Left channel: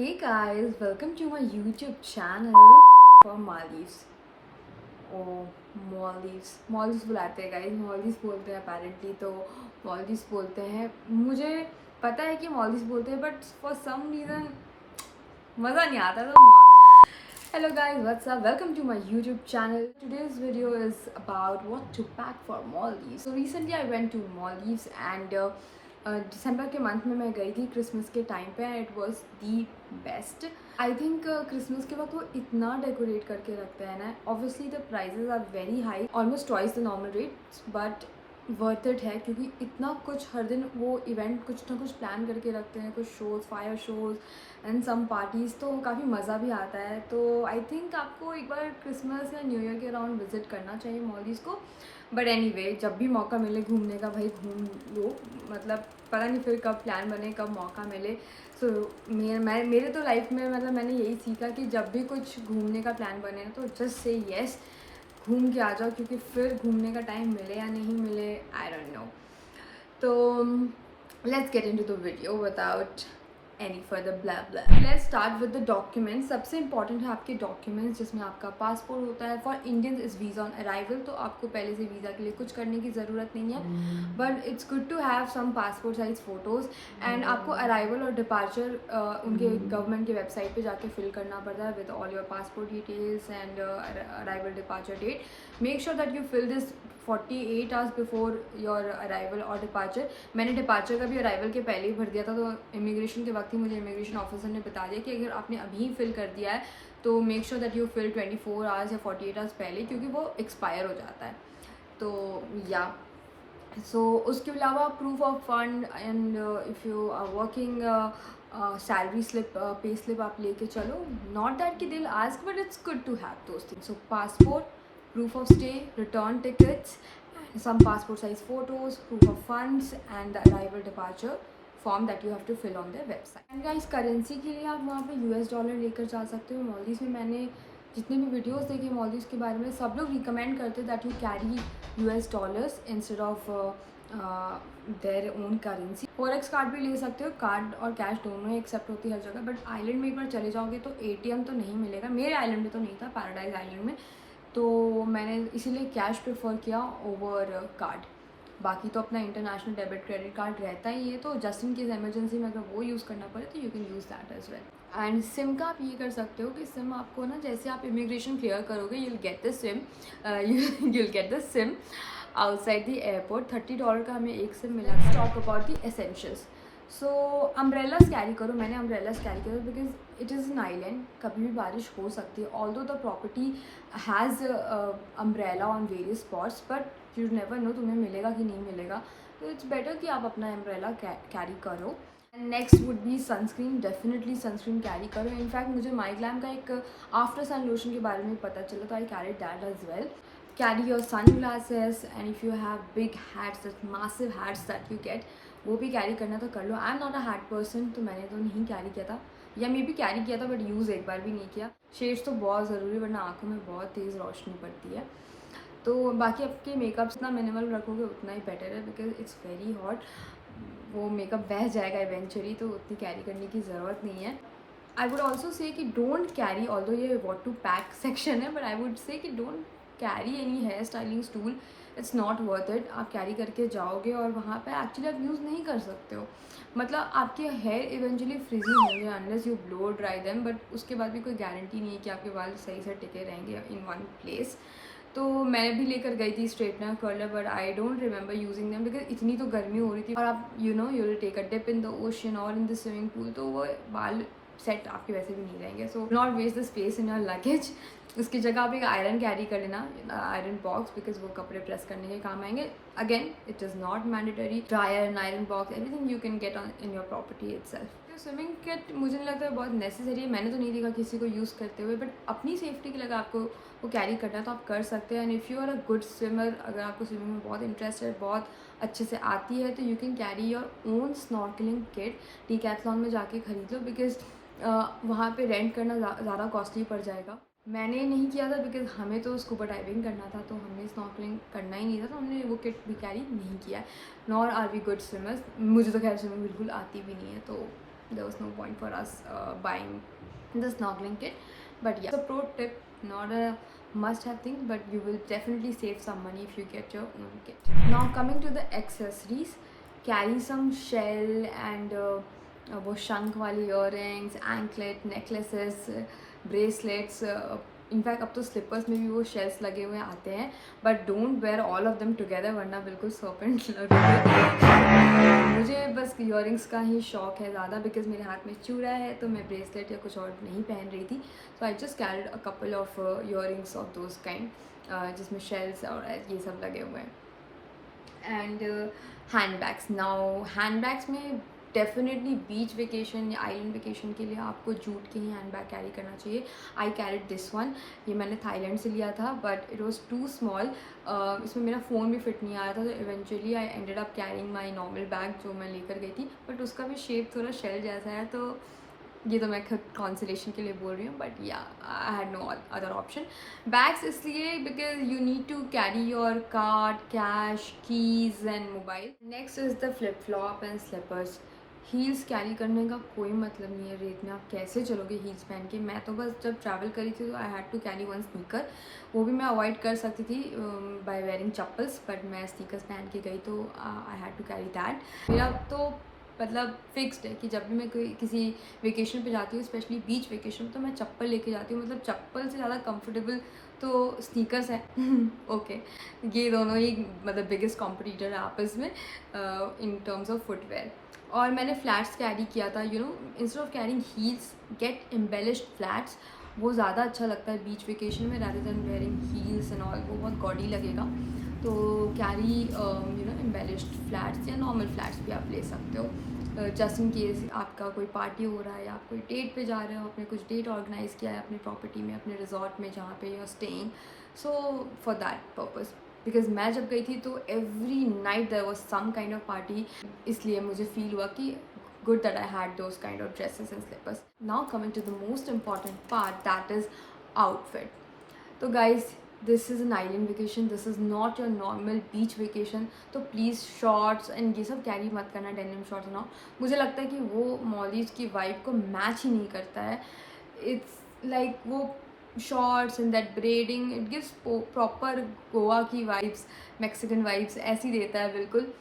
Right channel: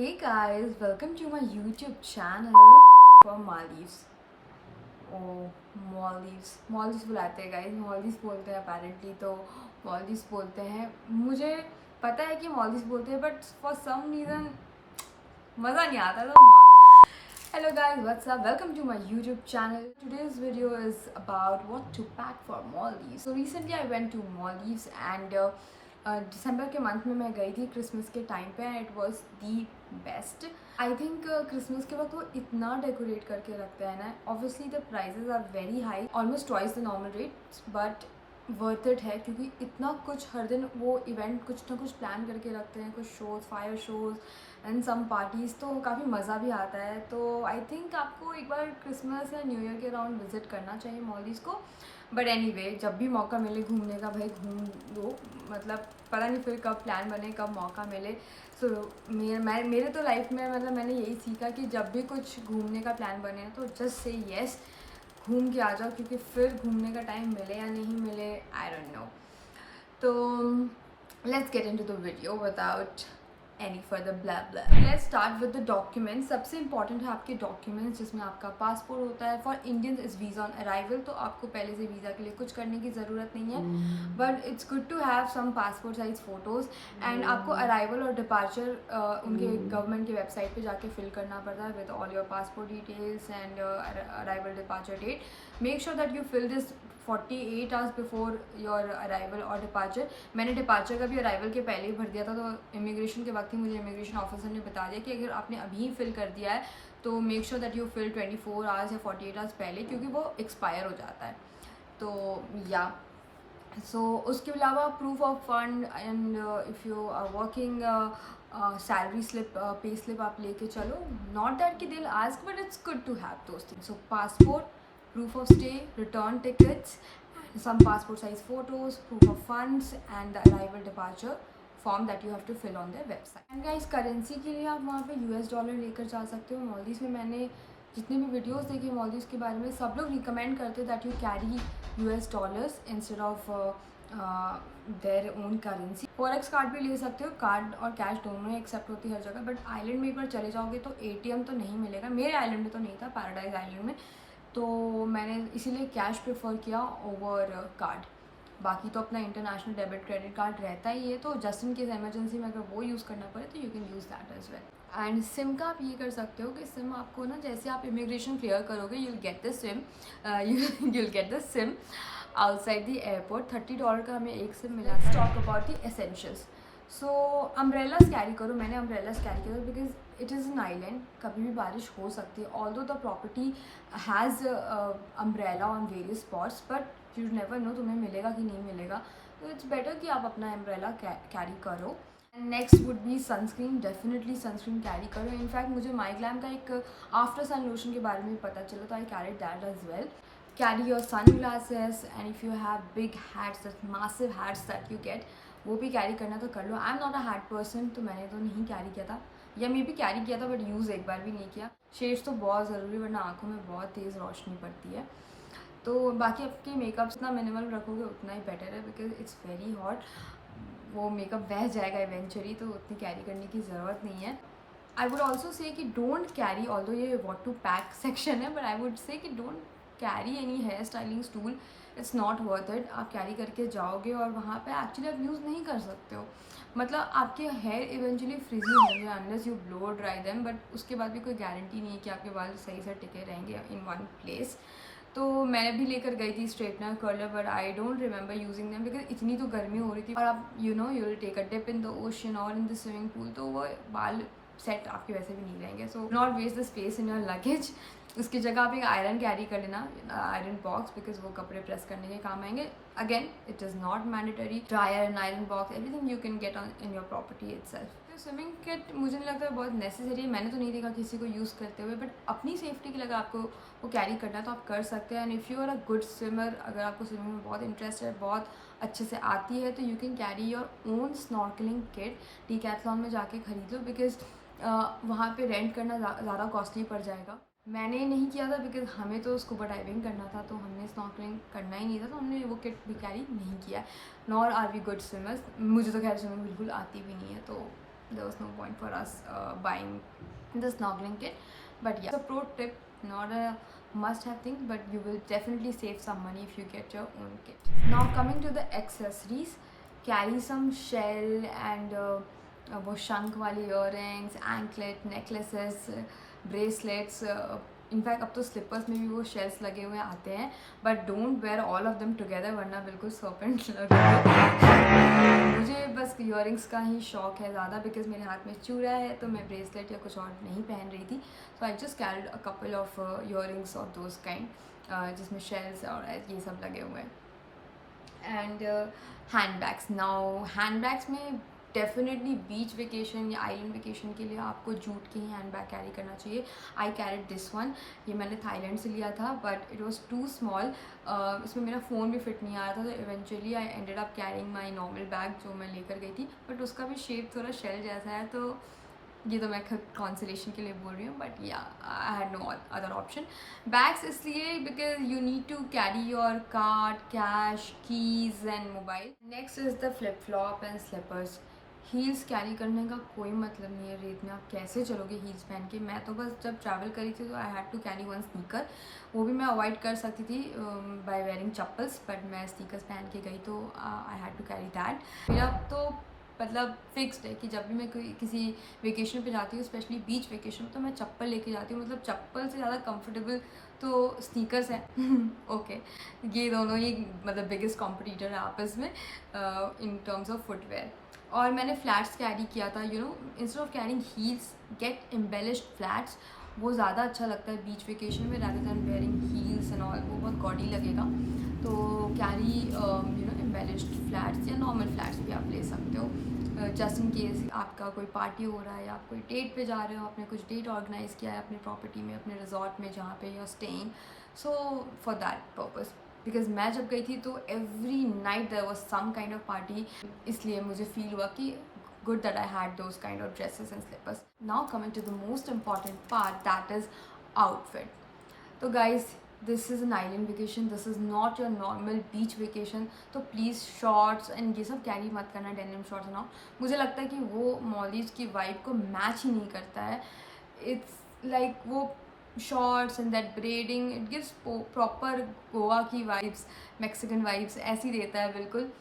Hey guys, welcome to my YouTube channel for Maldives. Oh, Maldives बुलाते हैं guys, Maldives बोलते हैं apparently, तो Maldives बोलते हैं. मुझे पता है कि Maldives बोलते हैं, but for some reason मज़ा नहीं आता तो. Hello guys, what's up? Welcome to my YouTube channel. Today's video is about what to pack for Maldives. So recently I went to Maldives and दिसंबर के मंथ में मैं गई थी क्रिसमस के टाइम पे and it was the best. I think Christmas के वक्त वो इतना डेकोरेट करके रखते हैं ना. Obviously the prices are very high, almost twice the normal rates, but worth it है क्योंकि इतना कुछ हर दिन वो इवेंट कुछ ना कुछ प्लान करके रखते हैं. कुछ shows, fire shows and some parties, तो काफ़ी मज़ा भी आता है. तो आई थिंक आपको एक बार क्रिसमस या न्यू ईयर के अराउंड विज़िट करना चाहिए मॉलडीव्स को. बट एनीवे, जब भी मौका मिले घूमने का भाई घूम लो. मतलब पता नहीं फिर कब प्लान बने, कब मौका मिले. सो मेरे तो लाइफ में मतलब मैंने यही सीखा कि जब भी कुछ घूमने का प्लान बने ना तो जस्ट से येस, घूम के आ जाओ, क्योंकि फिर घूमने का टाइम मिले या नहीं मिले आई डोंट नो. तो let's get into the video without any further blah blah. Let's start with the documents. सबसे इंपॉर्टेंट है आपके डॉक्यूमेंट्स, जिसमें आपका पासपोर्ट होता है. For Indians is visa on arrival, तो आपको पहले से वीज़ा के लिए कुछ करने की ज़रूरत नहीं है. But it's good to have some passport size photos. And आपको अराइवल और डिपार्चर उनके गवर्नमेंट की वेबसाइट पे जाके फिल करना पड़ता है with all your passport details and arrival departure date. Make sure that you fill this 48 hours before your arrival और डिपार्चर. मैंने डिपार्चर का भी अराइवल के पहले ही भर दिया था, तो इमिग्रेशन के वक्त ही मुझे इमिग्रेशन ऑफिसर ने बता दिया कि अगर आपने अभी फिल कर दिया है तो make sure that you fill 24 hours या 48 आवर्स पहले, क्योंकि वो एक्सपायर हो जाता है. तो या उसके अलावा proof of fund and if you are working salary slip, pay slip आप लेके चलो. नॉट दैट कि they'll ask, but it's good to have those things. So passport, proof of stay, return tickets, some passport size photos, proof of funds and the arrival departure form that you have to fill on their website. And guys, currency के लिए आप वहाँ पे US dollar लेकर जा सकते हो. Maldives में मैंने जितने भी वीडियोस देखे मॉलडीव्स के बारे में, सब लोग रिकमेंड करते that you carry US dollars instead of their own currency. Forex card भी ले सकते हो. कार्ड और कैश दोनों ही एक्सेप्ट होती है हर जगह. बट आइलैंड में एक बार चले जाओगे तो ATM तो नहीं मिलेगा. मेरे आइलैंड में तो नहीं था, पैराडाइज आइलैंड में, तो मैंने इसीलिए कैश प्रेफर किया ओवर कार्ड. बाकी तो अपना इंटरनेशनल डेबिट क्रेडिट कार्ड रहता ही है, तो जस्ट इन केस एमरजेंसी में अगर वो यूज़ करना पड़े तो you can use that as well. And sim का आप ये कर सकते हो कि सिम आपको ना, जैसे आप इमिग्रेशन क्लियर करोगे you'll get the SIM, you'll get the SIM outside the airport. $30 का हमें एक सिम मिला. Talk about the essentials. So umbrellas carry करो. मैंने अम्ब्रेलास कैरी किया because it is an island, कभी भी बारिश हो सकती है. Although the property has umbrella on various spots, but you never know तुम्हें मिलेगा कि नहीं मिलेगा. तो इट्स बेटर कि आप अपना अम्ब्रेला कैरी करो. Next would be sunscreen. Definitely sunscreen carry करो. इनफैक्ट मुझे माइग्लैम का एक आफ्टर सन लोशन के बारे में पता चला, तो I carry that as well. Carry your sunglasses, and if you have big hats, that massive hats that you get, वो भी कैरी करना तो कर लो. I am not a hat person, तो मैंने तो नहीं कैरी किया था, या मे भी कैरी किया था बट यूज़ एक बार भी नहीं किया. शेड्स तो बहुत ज़रूरी, वरना आँखों में बहुत तेज़ रोशनी पड़ती है. तो बाकी आपके मेकअप जितना मिनिमल रखोगे उतना ही बेटर है, बिकॉज इट्स वेरी हॉट. वो मेकअप बह जाएगा इवेंचुअली, तो उतनी कैरी करने की ज़रूरत नहीं है. आई वुड ऑल्सो से कि डोंट कैरी, ऑल्दो ये वॉट टू पैक सेक्शन है, बट आई वुड से कि don't carry any hair styling tool. It's not worth it. आप कैरी करके जाओगे और वहाँ पे एक्चुअली आप यूज़ नहीं कर सकते हो. मतलब आपके हेयर इवेंचुअली फ्रिजी होंगे unless you blow dry them, but उसके बाद भी कोई गारंटी नहीं है कि आपके बाल सही से टिके रहेंगे इन वन प्लेस. तो मैंने भी लेकर गई थी straightener, curler, but I don't remember using them because इतनी तो गर्मी हो रही थी. और आप you will take a dip in the ocean और इन द स्विमिंग पूल, तो वो बाल सेट आपके वैसे भी नहीं रहेंगे. So not waste the space in your luggage. उसकी जगह आप एक आयरन कैरी कर लेना, आयरन बॉक्स, बिकॉज वो कपड़े प्रेस करने के काम आएंगे. Again it is not mandatory. Dryer and iron box, everything you can get on in your property itself. Swimming kit मुझे नहीं लगता है बहुत नेसेसरी है. मैंने तो नहीं देखा किसी को यूज़ करते हुए, बट अपनी सेफ्टी के लिए अगर आपको वो कैरी करना है तो आप कर सकते हैं. And if you are a good swimmer, अगर आपको स्विमिंग में बहुत इंटरेस्ट है, बहुत अच्छे से आती है, तो you can carry your own snorkelling kit. Decathlon में जाके ख़रीद लो, बिकॉज वहाँ पे रेंट करना ज़्यादा कॉस्टली पड़ जाएगा. मैंने नहीं किया था बिकॉज हमें तो स्कूबा डाइविंग करना था, तो हमने स्नॉर्कलिंग करना ही नहीं था, तो हमने वो किट भी कैरी नहीं किया. Nor are we good swimmers. मुझे तो खैर स्विमिंग बिल्कुल आती भी नहीं है, तो there was no point for us buying the snorkeling kit. But yeah, it's a pro tip, not a must have thing, but you will definitely save some money if you get your own kit. Now coming to the accessories, carry some shell and वो शंख वाली earrings, anklet, necklaces, bracelets. In fact अब तो slippers में भी वो shells लगे हुए आते हैं, but don't wear all of them together वरना बिल्कुल सर्पेंट लगेंगे। मुझे बस इयरिंग्स का ही शौक है ज़्यादा, बिकॉज मेरे हाथ में चूड़ा है तो मैं ब्रेसलेट या कुछ और नहीं पहन रही थी। So I just carried a couple of earrings of those kind जिसमें शेल्स और ये सब लगे हुए हैं। And hand bags, now hand bags में डेफिनेटली बीच वेकेशन या आइलैंड वेकेशन के लिए आपको जूट के ही हैंड बैग कैरी करना चाहिए। आई कैरिड दिस वन, ये मैंने थाईलैंड से लिया था, but it was too small. इसमें मेरा फ़ोन भी फिट नहीं आ रहा था, तो eventually I ended up carrying my normal bag जो मैं लेकर गई थी, बट उसका भी शेप थोड़ा शेल जैसा है, तो ये तो मैं खुद कॉन्सलेशन के लिए बोल रही हूँ, but yeah I had no other option. Bags इसलिए because you need to carry your card, cash, keys and mobile. Next is the flip flop and slippers. Heels carry करने का कोई मतलब नहीं है रेत में, आप कैसे चलोगे हील्स पहन के। मैं तो बस जब ट्रैवल करी थी तो I had to carry one sneaker, वो भी मैं अवॉइड कर सकती थी बाय वेयरिंग चप्पल्स, बट मैं स्नीकर्स पहन के गई तो I had to carry that. मेरा तो मतलब फिक्स्ड है कि जब भी मैं कोई किसी वेकेशन पे जाती हूँ, स्पेशली बीच वेकेशन में, तो मैं चप्पल लेके जाती हूँ। मतलब चप्पल से ज़्यादा कंफर्टेबल तो स्नीकर्स हैं। ओके ये दोनों ही मतलब बिगेस्ट कॉम्पिटिटर है आपस में इन टर्म्स ऑफ फुटवेयर। और मैंने फ्लैट्स कैरी किया था, you know, instead of carrying heels get embellished flats, वो ज़्यादा अच्छा लगता है बीच वेकेशन में rather than wearing heels and all, वो बहुत गॉडी लगेगा। तो carry you know embellished flats या नॉर्मल फ्लैट्स भी आप ले सकते हो, जस्ट इन केस आपका कोई पार्टी हो रहा है या आप कोई डेट पे जा रहे हो, आपने कुछ डेट ऑर्गेनाइज़ किया है अपनी प्रॉपर्टी में, अपने रिजॉर्ट में जहाँ पे you are staying, so for that purpose. Because मैं जब गई थी तो every night there was some kind of party, इसलिए मुझे फील हुआ कि good that I had those kind of dresses and slippers. Now coming to the most important part, that is outfit. तो guys, this is an island vacation, this is not your normal beach vacation, तो please shorts and ये सब carry मत करना, denim shorts ना। मुझे लगता है कि वो मॉलीज की वाइब को मैच ही नहीं करता है। इट्स लाइक वो shorts and that braiding, it gives proper Goa की वाइब्स, मैक्सिकन वाइब्स ऐसी देता है बिल्कुल।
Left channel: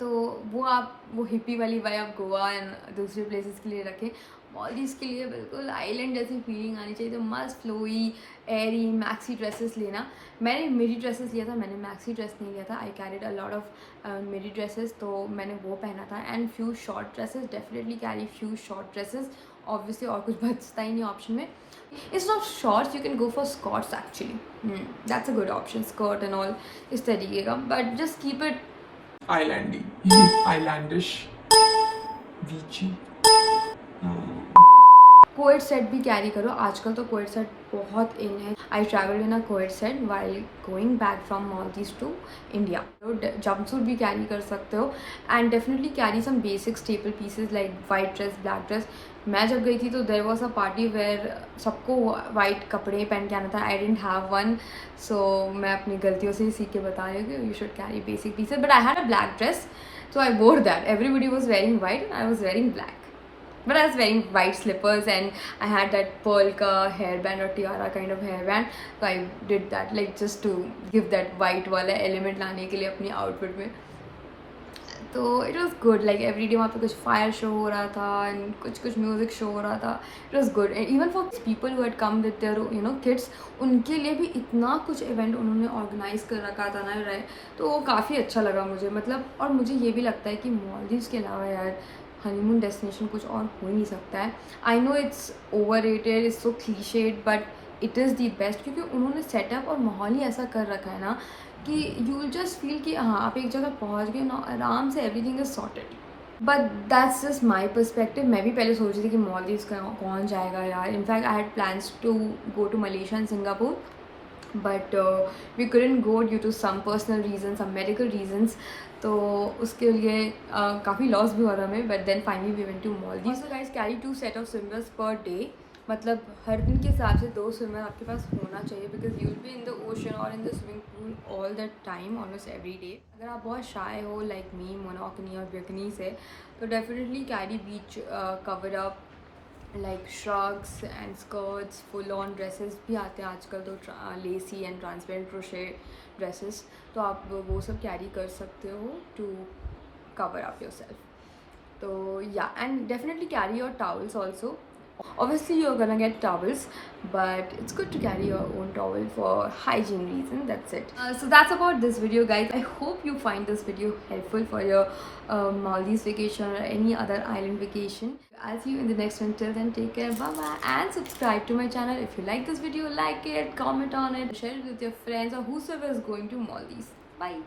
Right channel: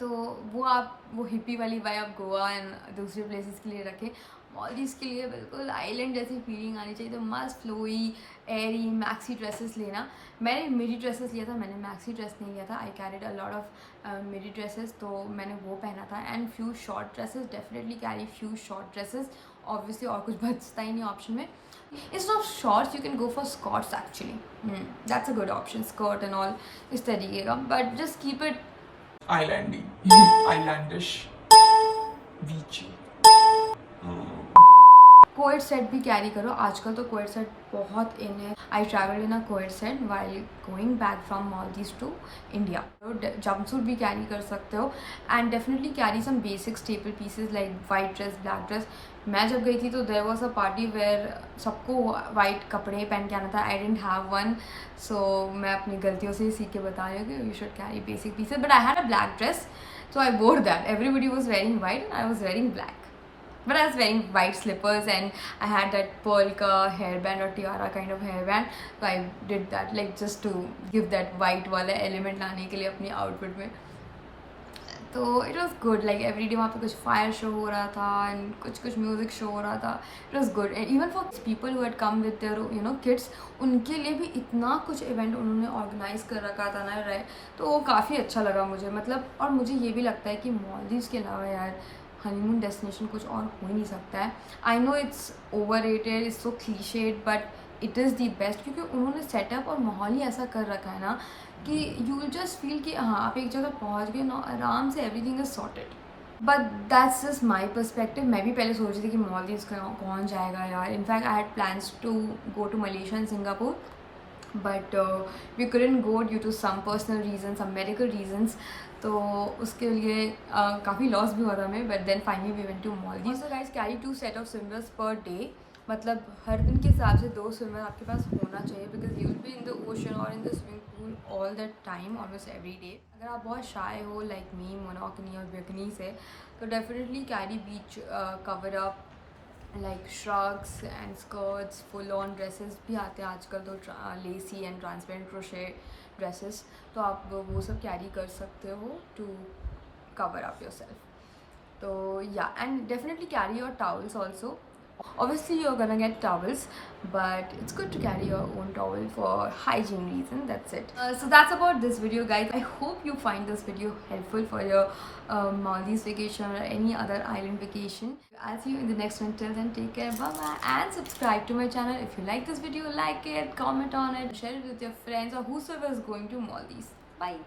तो वो आप वो हिप्पी वाली वाइब आप गोवा एंड दूसरे प्लेसेस के लिए रखें। मॉलडीव्स के लिए बिल्कुल आइलैंड जैसी फीलिंग आनी चाहिए, तो मस्त फ्लोई एरी मैक्सी ड्रेसेस लेना। मैंने मिडी ड्रेसेस लिया था, मैंने मैक्सी ड्रेस नहीं लिया था। I carried a lot of midi dresses, तो मैंने वो पहना था, and few short dresses, definitely carry few short dresses obviously, और कुछ बचता ही नहीं ऑप्शन में। It's not shorts, you can go for skirts actually, that's a good option, skirt and all इस तरीके का, but just keep it islandy, islandish, beachy. Coord set भी कैरी करो, आजकल तो कोएड सेट बहुत इन है। I travel in a co-ord set while going back from Maldives to India. Jumpsuit भी कैरी कर सकते हो, and definitely carry some basic staple pieces like white dress, black dress. मैं जब गई थी तो there was a party where सबको वाइट कपड़े पहन के आना था, I didn't have one, so मैं अपनी गलतियों से ही सीख के बता रही हूँ कि you should carry basic pieces, but I had a black dress, so I wore that. Everybody was wearing white and I was wearing black, but I was wearing white slippers and I had that pearl ka hairband or tiara kind of hairband, so I did that like just to give that white wala element लाने के लिए अपनी outfit में। तो it was good, like every day वहाँ पे कुछ fire show हो रहा था and कुछ music show हो रहा था, it was good, and even for people who had come with their you know kids, उनके लिए भी इतना कुछ event उन्होंने organize कर रखा था ना, तो वो काफ़ी अच्छा लगा मुझे। मतलब और मुझे ये भी लगता है कि मॉलदीव्स के अलावा यार हनीमून डेस्टिनेशन कुछ और हो ही नहीं सकता है। I know it's over rated, it's so clichéd, but it is the best, क्योंकि उन्होंने सेटअप और माहौल ही ऐसा कर रखा है ना कि यू विल जस्ट फील कि हाँ आप एक जगह पहुँच गए ना, आराम से everything is sorted. But that's just my perspective. मैं भी पहले सोच रही थी कि मॉलदीव्स कौन जाएगा यार। In fact I had plans to go to Malaysia and Singapore, but we couldn't go due to some personal reasons, some medical reasons, तो उसके लिए काफ़ी लॉस भी हुआ था हमें, but then finally we went to Maldives. So guys, carry 2 set of swimmers per day, मतलब हर दिन के हिसाब से 2 स्विमर आपके पास होना चाहिए, because you will be in the ocean और in the swimming pool all that time, almost every day. अगर आप बहुत शाय हो लाइक मी, मोनोकनी और बेकनी से, तो definitely carry beach cover up like shrugs and skirts, full on dresses भी आते हैं आजकल तो lacy and transparent crochet dresses, तो आप वो सब carry कर सकते हो to cover up yourself. So yeah, and definitely carry your towels also. Obviously you're gonna get towels, but it's good to carry your own towel for hygiene reason. That's it. So that's about this video, guys. I hope you find this video helpful for your Maldives vacation or any other island vacation. I'll see you in the next one. Till then, take care, bye bye, and subscribe to my channel. If you like this video, like it, comment on it, share it with your friends or whosoever is going to Maldives. Bye.